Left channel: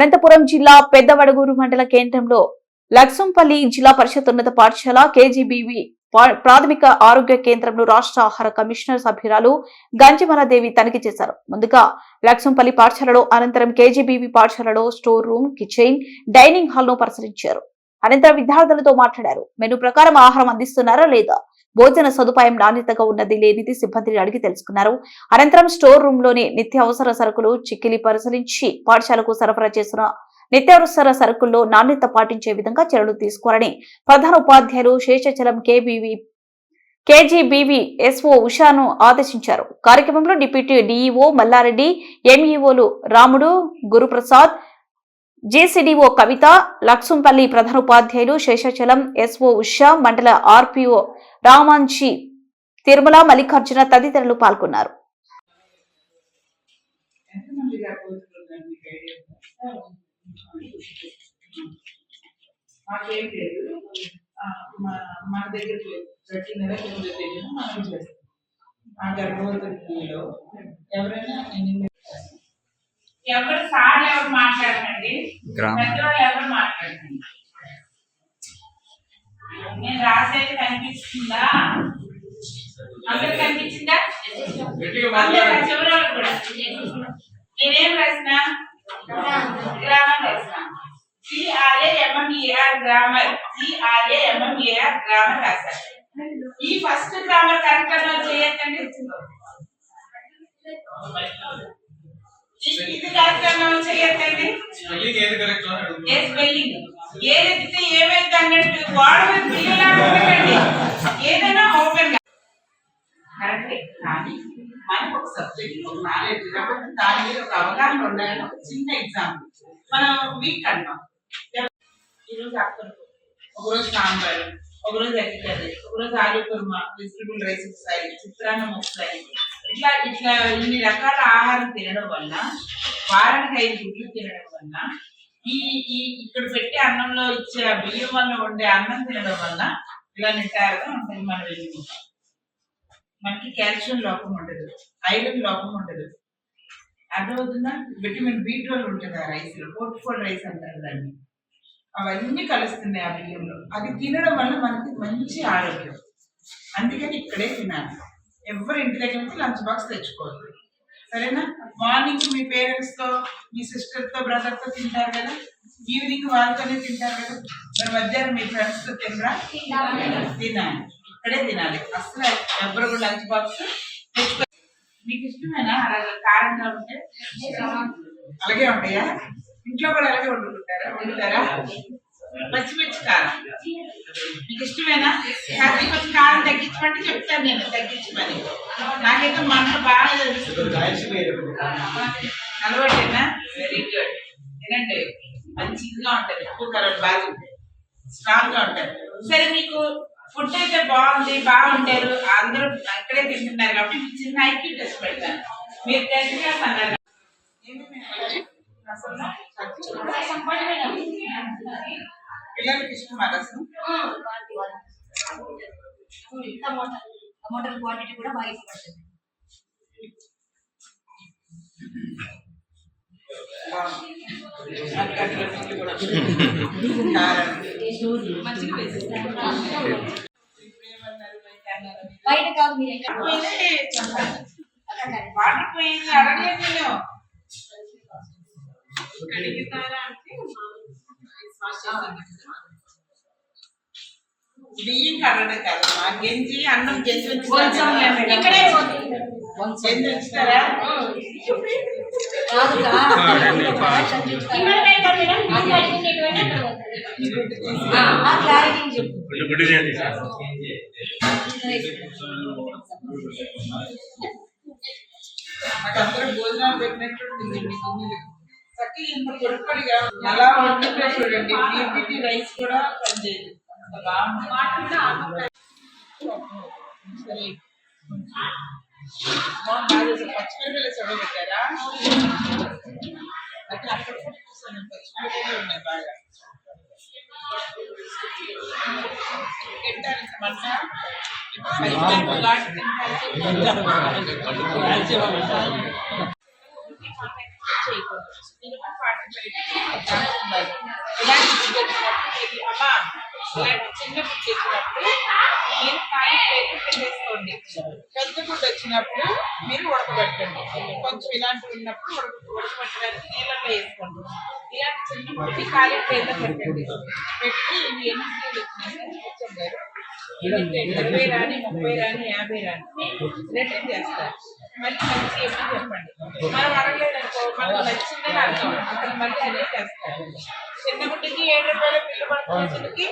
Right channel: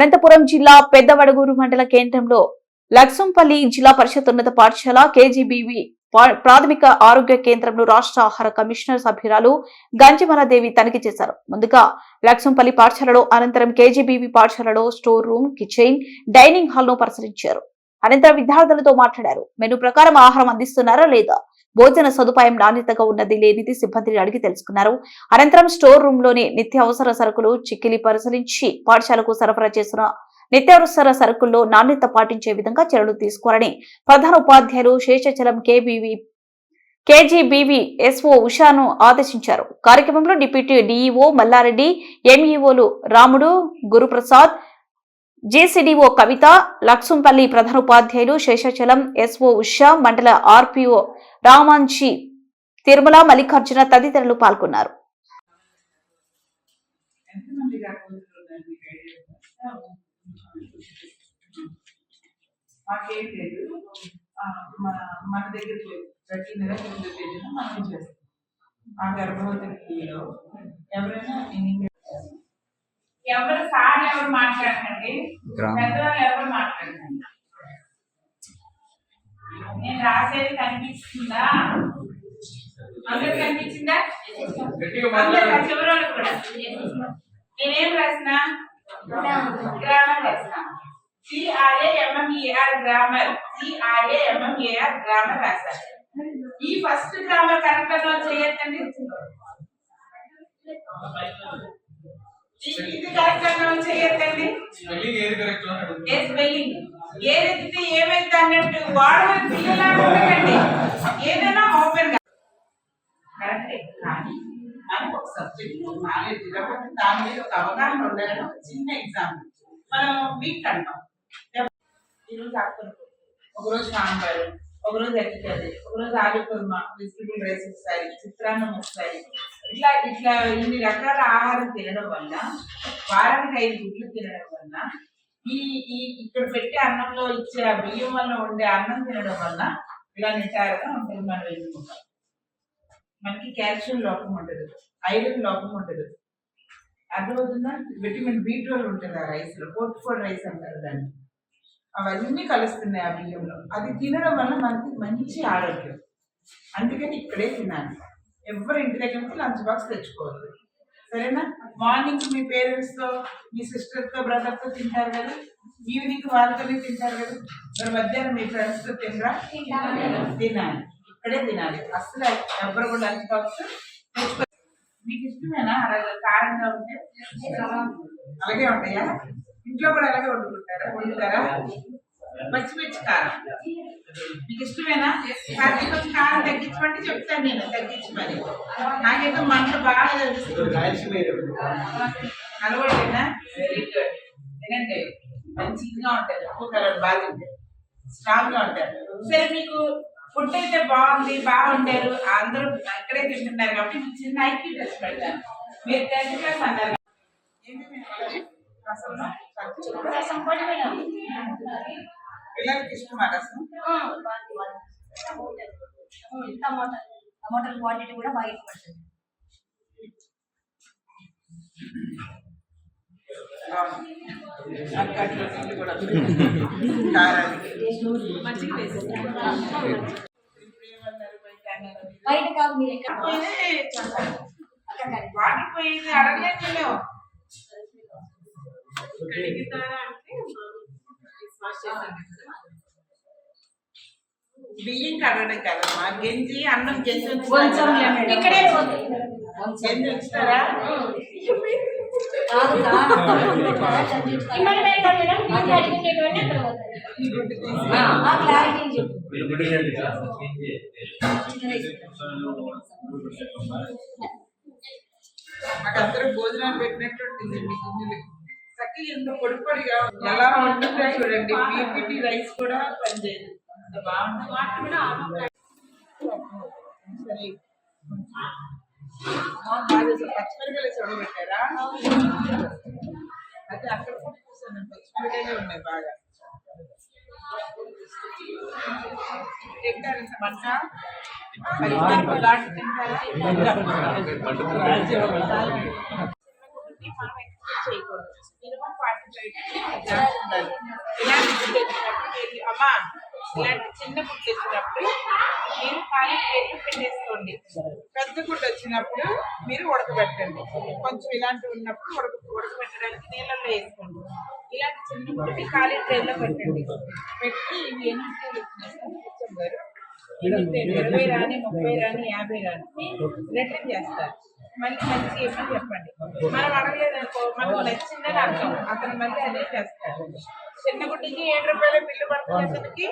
అనంతపురం జిల్లా పెద్దవడగూరు మండల కేంద్రంలో లక్సంపల్లి జిల్లా పరిషత్ ఉన్నత పాఠశాల కేజీబీవీ ప్రాథమిక ఆరోగ్య కేంద్రంలో రాష్ట్ర ఆహార కమిషనర్ సభ్యురాలు గంజమలాదేవి తనిఖీ చేశారు. ముందుగా లక్సంపల్లి పాఠశాలలో, అనంతరం కేజీబీవీ పాఠశాలలో store room, kitchen, dining hall ను పరిశీలించారు. అనంతరం విద్యార్థులతో మాట్లాడారు. మెనూ ప్రకారం ఆహారం అందిస్తున్నారా లేదా, భోజన సదుపాయం నాణ్యతగా ఉన్నది లేనిది సిబ్బందిని అడిగి తెలుసుకున్నారు. అనంతరం స్టోర్ రూమ్ లోని నిత్యావసర సరుకులు చిక్కిలి పరిశీలించి పాఠశాలకు సరఫరా చేసిన నిత్యావసర సరుకుల్లో నాణ్యత పాటించే విధంగా చర్యలు తీసుకోవాలని ప్రధాన ఉపాధ్యాయులు శేషాచలం కేజీబీవీ ఎస్ఓ ఉషాను ఆదేశించారు. కార్యక్రమంలో డిప్యూటీ డీఈఓ మల్లారెడ్డి, ఎంఈఓలు రాముడు, గురుప్రసాద్, జేసీడీఓ కవిత, లక్సంపల్లి ప్రధాన ఉపాధ్యాయులు శేషాచలం ఎస్ఓ ఉషా, మండల ఆర్పీఓ రామాంజీ, తిరుమల, మల్లికార్జున తదితరులు పాల్గొన్నారు. మాకేం లేదు, మన దగ్గరికి ప్రతి నెల 9వ తేదీన మనం చేస్తాం. ఆ గర్భవతుల్లో ఎవరైనా ఎవరు సార్ ఎవరు మాట్లాడకండి, పెద్దవాళ్ళు ఎవరు మాట్లాడకండి. నేను రాసేది కనిపిస్తుందా? అందరు కనిపించిందా? చివరి కూడా నేనేం రాసిన గ్రామర్ రాసిన. GRAMMER గ్రామర్, GRAMMER గ్రామర్ రాశారు. ఈ ఫస్ట్ గ్రామర్ కరెక్ట్ గా చేయొద్దండి. ఇది కరెక్ట్ గా చేయొద్దండి. ఏ స్పెల్లింగ్ ఏదైతే ఏమైతే అన్నట్టు వాడమని పిల్లలాగా ఉండకండి. ఏదైనా ఓపెన్ కరెక్టే, కానీ మనకు ఒక సబ్జెక్ట్ నాలెడ్జ్ కాబట్టి దాని మీద ఒక అవగాహన ఉండాలని ఒక చిన్న ఎగ్జాంపుల్. మనం వీక్ అంటాం, ఈరోజు ఆకుకూరలు, ఒకరోజు సాంబారు, ఒకరోజు ఎగ్ కర్రీ, ఒకరోజు ఆలు కుర్మా, వెజిటబుల్ రైస్ వస్తాయి, చిత్రాన్నం వస్తాయి. ఇట్లా ఇట్లా ఇన్ని రకాల ఆహారం తినడం వల్ల, వారానికి 5 గుడ్లు తినడం వల్ల, ఈ ఇక్కడ పెట్టే అన్నంలో ఇచ్చే బియ్యం వల్ల ఉండే అన్నం తినడం వల్ల ఇలా నిటారుగా ఉంటుంది మన వెన్నుముక. మనకి కాల్షియం లోపం ఉండదు, ఐరన్ లోపం ఉండదు. అర్థమవుతుందా? విటమిన్ B12 ఉంటుంది ఆ రైస్ లో, పోర్ట్ఫోల్ రైస్ అంటారు దాన్ని. అవన్నీ కలుస్తున్నాయి ఆ బియ్యంలో. అది తినడం వల్ల మనకి మంచి ఆరోగ్యం. అందుకని ఇక్కడే తినాలి. ఎవరి ఇంటి దగ్గర నుంచి లంచ్ బాక్స్ తెచ్చుకోవద్దు, సరేనా? మార్నింగ్ మీ పేరెంట్స్ తో, మీ సిస్టర్ తో, బ్రదర్ తో తింటారు కదా, ఈవినింగ్ వాళ్ళతోనే తింటారు కదా, మరి మధ్యాహ్నం మీ ఫ్రెండ్స్ తో తినరా? తినాలి, ఇక్కడే తినాలి. అసలు ఎవరు కూడా లంచ్ బాక్స్ తెచ్చుకో. మీకు ఇష్టమేనా అలాగే కారంగా ఉంటే? అలాగే ఉంటాయా? ఇంట్లో కూడా అలాగే వండుతారా? పచ్చిమిర్చి కారం మీకు ఇష్టమేనా? కొంచెం కారం తగ్గించమంటే చెప్తాను, నేను తగ్గించమని. నాకైతే మనలో బాగా అలవాటేనా? Very good. తినండి, మంచిగా ఉంటుంది. ఉప్పు కారం బాగా ఉంటాయి, స్ట్రాంగ్ గా ఉంటాయి. సరే, మీకు ఫుడ్ అయితే బాగుంటారు, అందరూ ఇక్కడే తింటున్నారు కాబట్టి మీకు చిన్న ఐక్యూ టెస్ట్ పెడతాను. మీరు 10th క్లాస్ అన్నారు, పిల్లలకి ఇష్టమా రసం? టమాటాల క్వాంటిటీ కూడా బాగా ఇవ్వబడుతుంది. బయట కాదు, మీరు వాటర్ పోయింది అడగలేదు. బియ్యం కడగడం కదమ్మా, గంజి అన్నం గంజి ఇక్కడే గంజి ఉంచుతారా? మాకందరూ భోజనాలు పెట్టినట్టుంటుంది. చక్కగా ఎంత పొడి పొడిగా ఎలా వండుతా చూడండి. PPT రైస్ కూడా పనిచేయదు, అంత బాగుంటుంది. పచ్చిమిరపకాయలు చూడబెట్టారా? అయితే అక్కడ పచ్చిమిరపకాయలు ఉన్నాయి బాగా తింటారు. మంట చేయకూడదు. జాగ్రత్త ఉండాలి. ఇలాంటి ఫుడ్ వచ్చినప్పుడు అమ్మా ఇలాంటి చిన్న ఫుడ్ వచ్చినప్పుడు మీరు ఖాళీ ప్లేట్లు పెట్టేసుకోండి. పెద్ద ఫుడ్ వచ్చినప్పుడు మీరు ఉడకబెట్టండి. కొంచెం ఇలాంటివి ఉన్నప్పుడు ఉడకబెట్టడానికి నీళ్ళల్లో వేసుకోండి. ఇలాంటి చిన్న ఫుడ్ని ఖాళీ ప్లేట్లో పెట్టండి. పెట్టి ఇవి ఎన్ని ప్లేట్లు వచ్చినాయి కూర్చోగారు 20 రాని 30 రాని 50 రాని రిటర్న్ చేస్తారు. మళ్ళీ మంచి ఏమని చెప్పండి. మనం అడగలేదనుకో మనకు నచ్చిందని అర్థం. అతను మళ్ళీ అదే చేస్తారు. చిన్న గుడ్డికి 7 రూపాయల బిల్లు పడుతున్నకి